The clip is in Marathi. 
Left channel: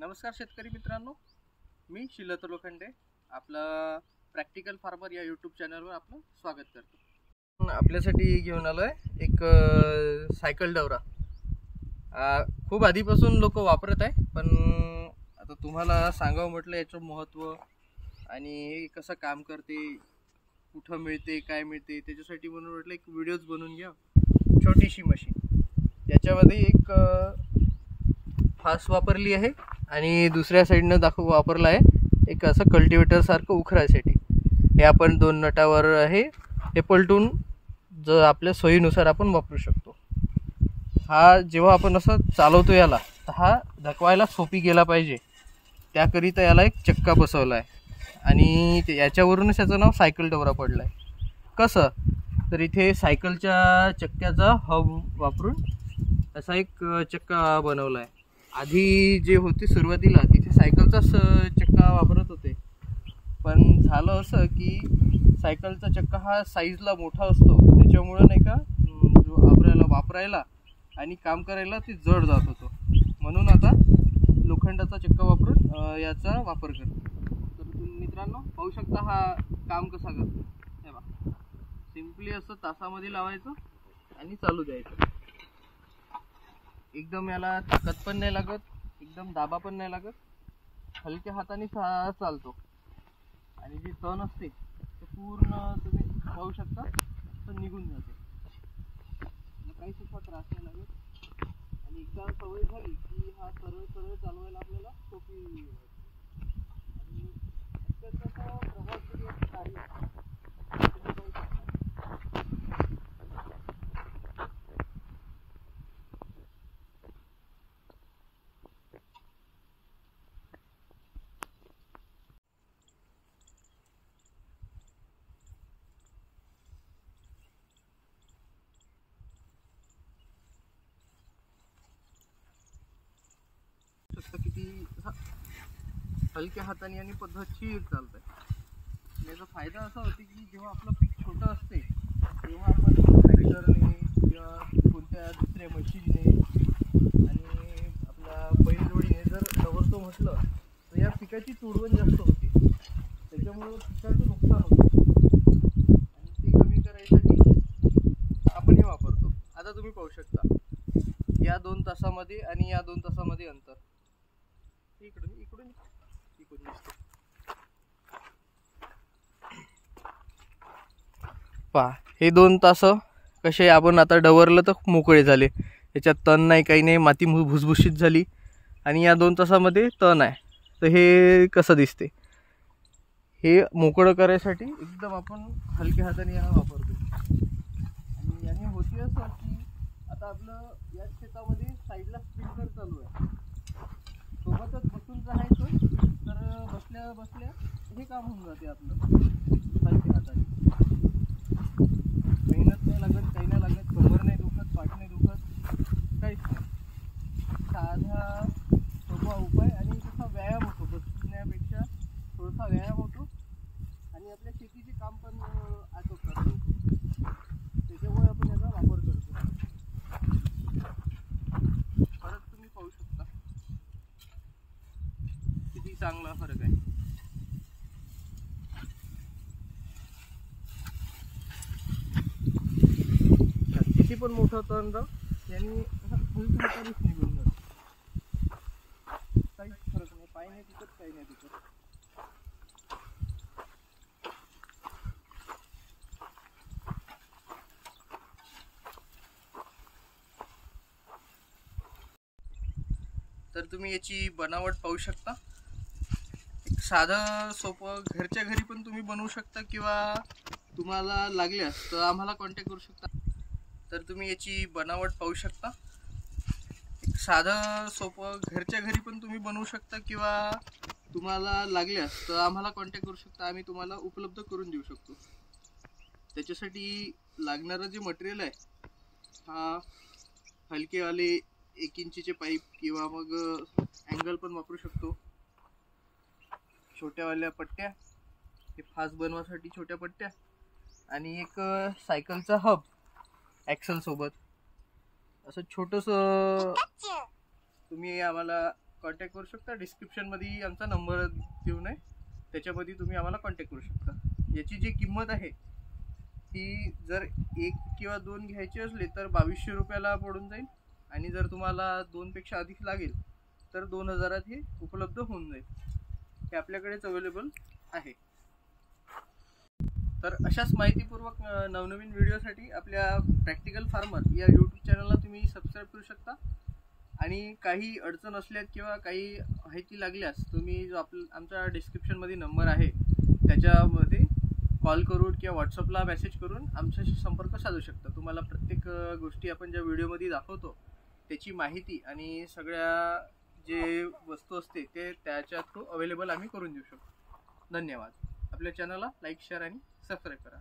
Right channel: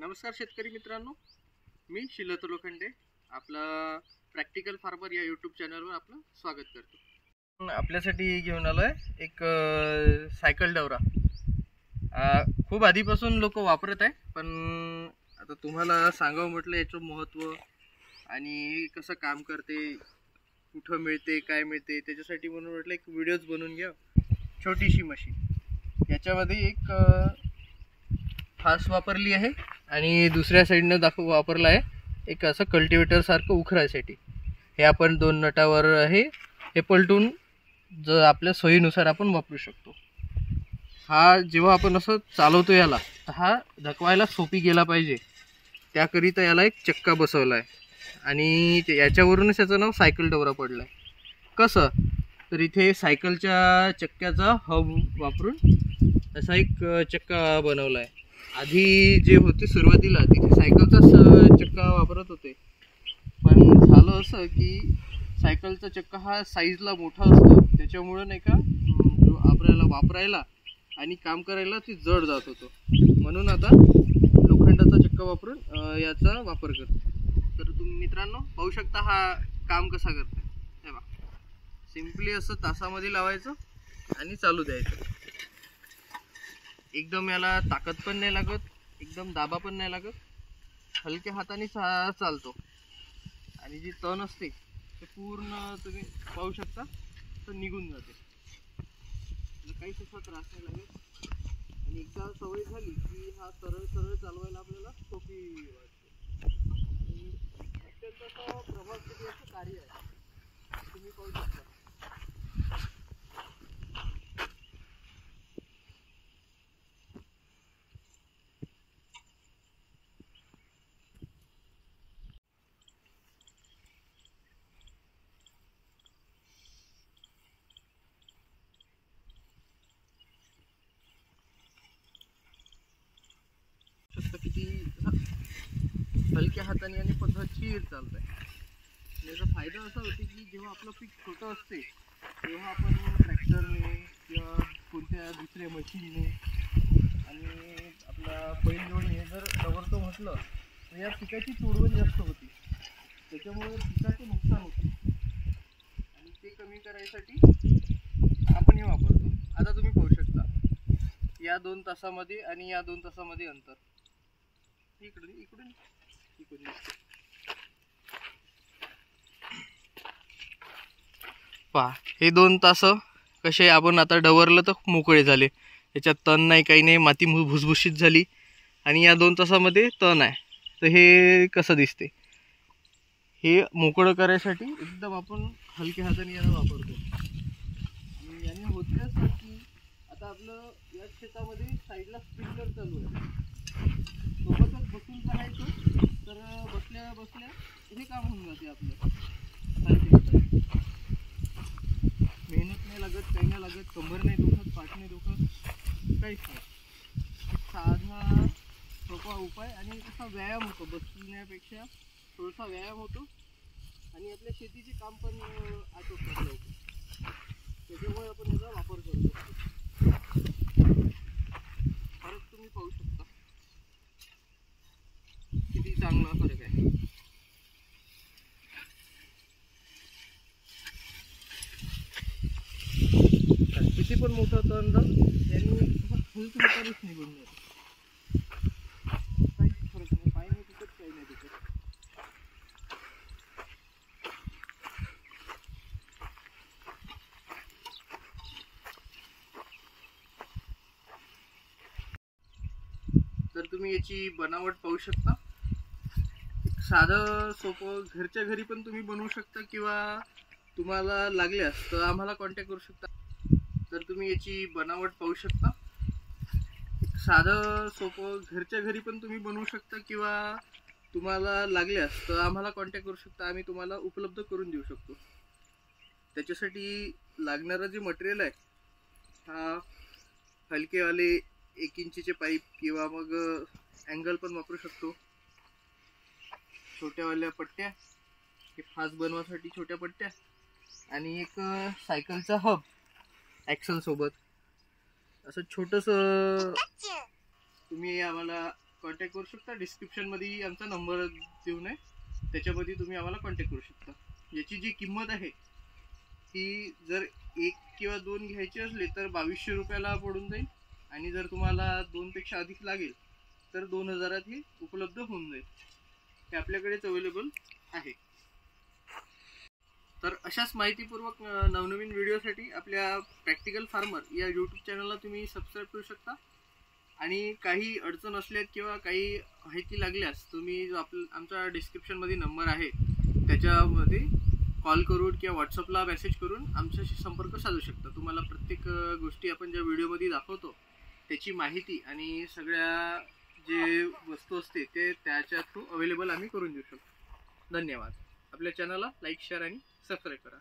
नमस्कार शेतकरी मित्रांनो, मी शिलत लोखंडे आपला प्रॅक्टिकल फार्मर या यूट्यूब चॅनलवर आपलं स्वागत करतो. आपल्यासाठी घेऊन आलोय एक सायकल डवरा. खूप आधीपासून लोक वापरत आहे, पण आता तुम्हाला सांगावं म्हटलं याचं महत्त्व आणि कसं काम करते, कुठं मिळते, काय मिळते, त्याच्यासाठी म्हणून म्हटलं एक व्हिडिओज बनवून घ्या. छोटीशी मशीन, याच्यामध्ये एक फास वापरली आहे आणि दुसऱ्या साईडनं वापरला आहे एक असं कल्टिवेटर सारखं उखरासाठी. हे आपण 2 नटावर आहे, हे पलटून जर आपल्या सोयीनुसार आपण वापरू शकतो. हा जेव्हा आपण असं चालवतो याला, तर हा धकवायला सोपी गेला पाहिजे, त्याकरिता याला एक चक्का बसवला आहे आणि याच्यावरूनच याचं नाव सायकल डवरा पडलं आहे. कसं तर इथे सायकलच्या चक्क्याचा हब वापरून असा एक चक्का बनवला आहे. आधी जे होते सुरुवातीला तिथे सायकलचाच चक्का वापरत होते, पण झालं असं की सायकलचा चक्का हा साईजला मोठा असतो, त्याच्यामुळे नाही का आपल्याला वापरायला आणि काम करायला ते जड जात होतं. म्हणून आता लोखंडाचा चक्का वापरून याचा वापर करतो. तर तुम्ही मित्रांनो पाहू शकता हा काम कसा करते. हे बघा, सिम्पली असं तासामध्ये लावायचं आणि चालू द्यायचं. एकदम याला ताकद पण नाही लागत, एकदम दाबा पण नाही लागत, हलक्या हाताने चालतो. आणि जी तण असते ते पूर्ण तुम्ही पाहू शकता तर निघून जाते, काही सुद्धा त्रास नाही लागत. आणि एकदा सवय झाली की हा सरळ सरळ चालवायला आपल्याला सोपी वाटते. आणि त्याचा प्रभावशाली असं कार्य आहे, तुम्ही पाहू शकता. किती हलक्या हाताने आणि पद्धतशीर चालत आहे. याचा फायदा असा होतो की जेव्हा आपलं पीक छोटं असते तेव्हा आपण ट्रॅक्टरने किंवा कोणत्या दुसऱ्या मशीनने आणि आपला बैलजोडीने जर डवरतो म्हटलं तर या पिकाची तोडवण जास्त होते, त्याच्यामुळे पिकाचं नुकसान होतं आणि ते कमी करायसाठी आपण हे वापरतो. आता तुम्ही पाहू शकता या 2 तासामध्ये आणि या 2 तासामध्ये अंतर. इकडून इकडून इकडून पहा, हे 2 तास कसे आपण आता डवरलं तर मोकळे झाले, याच्यात तण नाही, काही नाही, माती भुसभुशीत झाली. आणि या 2 तासामध्ये तण आहे, तर हे कसं दिसते. हे मोकळं करायसाठी एकदम आपण हलक्या हाताने याला वापरतो. आणि याने होते असं की आता आपलं या शेतामध्ये साईडला स्प्रिंकलर चालू आहे, सोबतच बसून राहायचं तर बसल्या बसल्या हे काम होऊन जाते आपलं हलक्या हाताने. मेहनत नाही लागत, काही नाही लागत, कंबर नाही दुखत, पाठ नाही दुखत, काहीच नाही. साधा सोपा उपाय आणि तसा व्यायाम होतो, बसण्यापेक्षा थोडासा व्यायाम होतो आणि आपल्या शेतीचे काम पण आटोपतात लोक, त्याच्यामुळे आपण याचा वापर करतो. परत तुम्ही पाहू शकता किती चांगला फरक आहे. किती पण मोठा तण जाऊ त्यांनी फुलतुमतानीच निघून जातो, काहीच फरक नाही, पाय नाही तिकट, काही नाही तिकट. तर तुम्ही याची बनावट पाहू शकता. एक साधं सोपं घरच्या घरी पण तुम्ही बनवू शकता किंवा तुम्हाला लागल्यास तर आम्हाला कॉन्टॅक्ट करू शकता. तर तुम्ही याची बनावट पाहू शकता. एक साधं सोपं घरच्या घरी पण तुम्ही बनवू शकता किंवा तुम्हाला लागल्यास तर आम्हाला कॉन्टॅक्ट करू शकता, आम्ही तुम्हाला उपलब्ध करून देऊ शकतो. त्याच्यासाठी लागणारं जे मटेरियल आहे, हा हलकेवाले 1 इंचीचे पाईप किंवा मग अँगल पण वापरू शकतो. छोट्यावाल्या पट्ट्या, हे फास बनवासाठी छोट्या पट्ट्या, आणि एक सायकलचा हब ॲक्सल सोबत. असं छोटंसं तुम्ही आम्हाला कॉन्टॅक्ट करू शकता. डिस्क्रिप्शनमध्ये आमचा नंबर देऊन आहे, त्याच्यामध्ये तुम्ही आम्हाला कॉन्टॅक्ट करू शकता. याची जी किंमत आहे ती जर 1 किंवा 2 घ्यायची असली तर 2200 रुपयाला पडून जाईल, आणि जर तुम्हाला 2पेक्षा अधिक लागेल तर 2000 हे उपलब्ध होऊन जाईल. हे आपल्याकडेच अवेलेबल आहे. तर अशाच माहितीपूर्वक नवनवीन व्हिडिओसाठी आपल्या प्रॅक्टिकल फार्मर या यूट्यूब चॅनलला तुम्ही सबस्क्राईब करू शकता. आणि काही अडचण असल्यास किंवा काही माहिती लागल्यास तुम्ही जो आमचा डिस्क्रिप्शनमध्ये नंबर आहे त्याच्यामध्ये कॉल करून किंवा व्हॉट्सअपला मेसेज करून आमच्याशी संपर्क साधू शकता. तुम्हाला प्रत्येक गोष्टी आपण ज्या व्हिडिओमध्ये दाखवतो त्याची माहिती आणि सगळ्या जे वस्तू असते ते त्याच्या थ्रू अवेलेबल आम्ही करून देऊ शकतो. धन्यवाद. आपल्या चॅनलला लाईक, शेअर आणि सबस्क्राईब करा.